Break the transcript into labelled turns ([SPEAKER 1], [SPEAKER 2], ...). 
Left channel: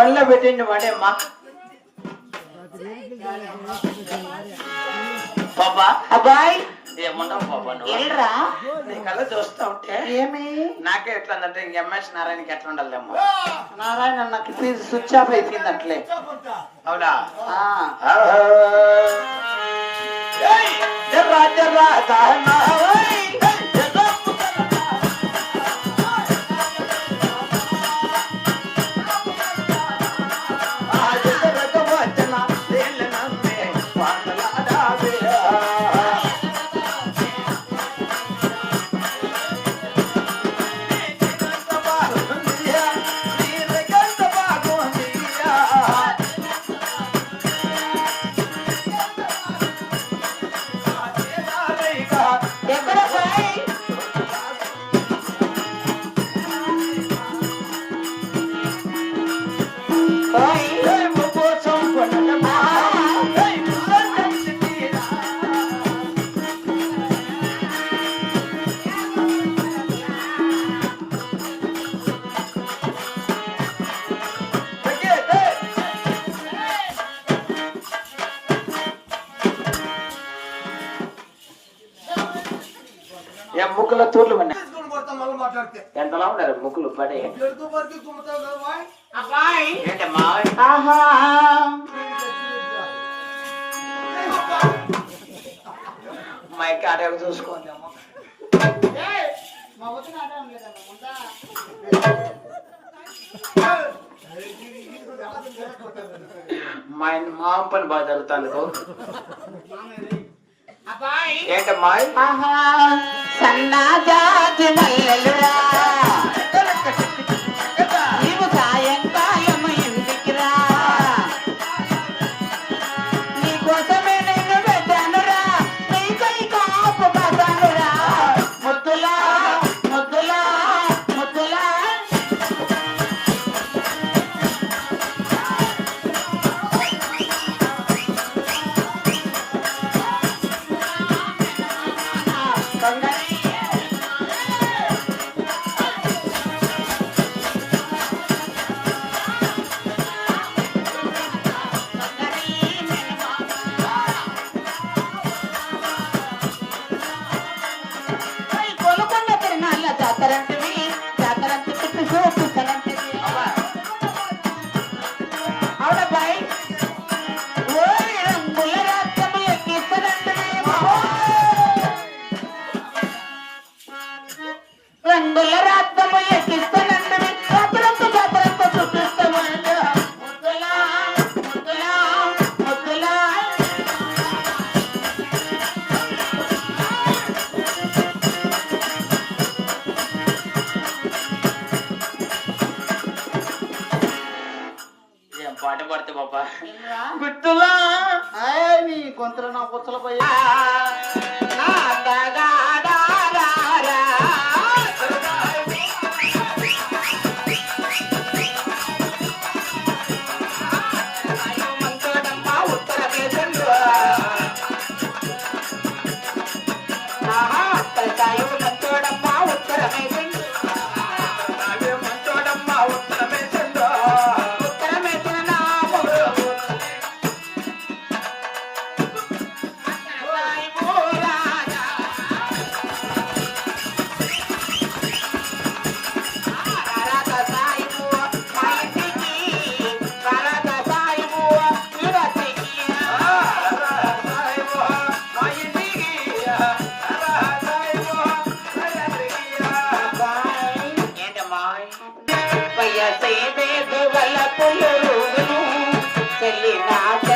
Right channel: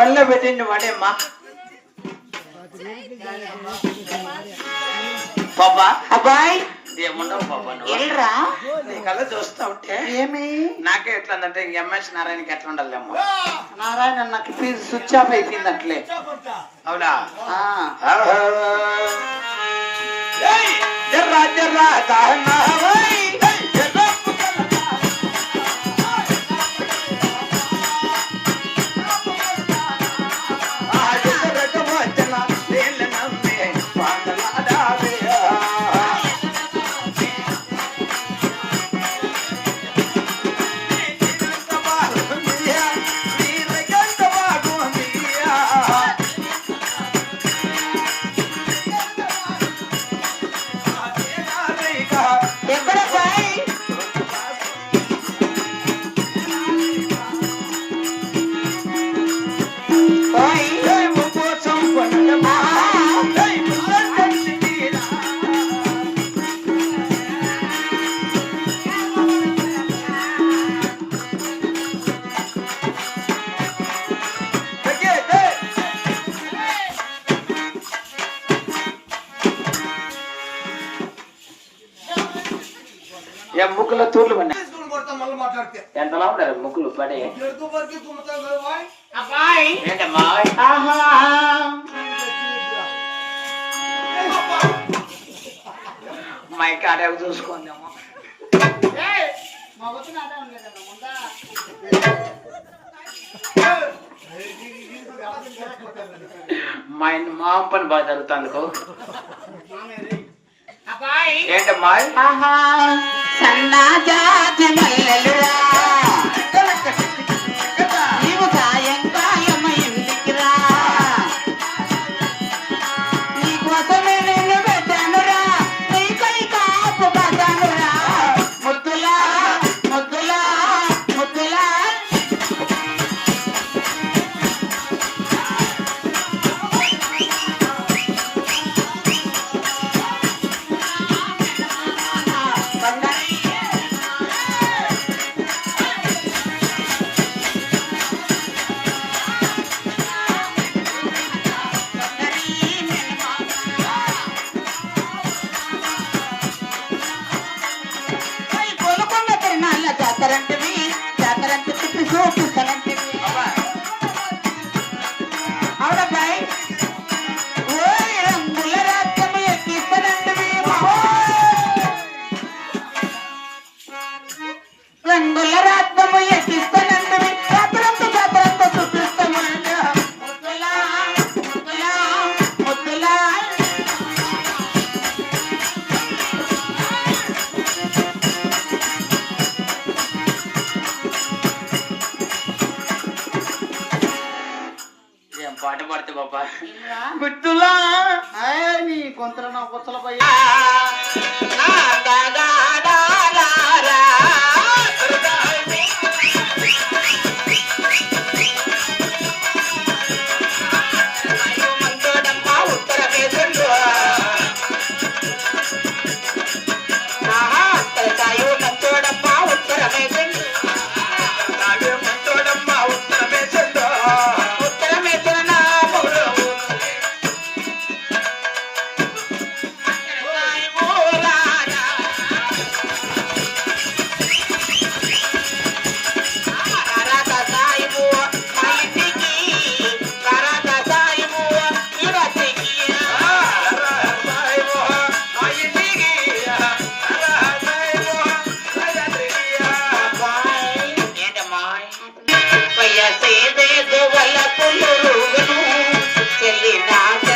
[SPEAKER 1] పనిలో పెట్టింది వాడేమ్మా పాపా?
[SPEAKER 2] అబ్బాయి.
[SPEAKER 1] నువ్వు?
[SPEAKER 2] ఎల్రా
[SPEAKER 1] నీ కళ్ళ చూస్తా ఉంటే
[SPEAKER 2] ఏమి?
[SPEAKER 1] నాకే ఎట్లా ఉందంటే ఎంఎస్ నారాయణకి ఎట్లా ఉండాలేమో
[SPEAKER 2] నారాయణ నాకు ఫీజు స్విచ్ ఆఫ్ అయిపోయింది అట్లే
[SPEAKER 1] అవునా! జర్రా జర్రా ముక్కుల తూర్లు ఎంతలా ఉన్నారు ముక్కులు పడి. మా కాడే చూసుకుందాము.
[SPEAKER 2] మా
[SPEAKER 1] మా పని బాగా జరుగుతుంది
[SPEAKER 2] అబ్బాయి.
[SPEAKER 1] ఏంటమ్మా
[SPEAKER 2] ఆహా. సన్నా జాతి మల్లెలురా
[SPEAKER 1] పాట పడితే బాబా
[SPEAKER 2] ఆయ్ నీ గొంతులో నా పుచ్చల పోయి ಎಲ್ಲಿ ನಾಥ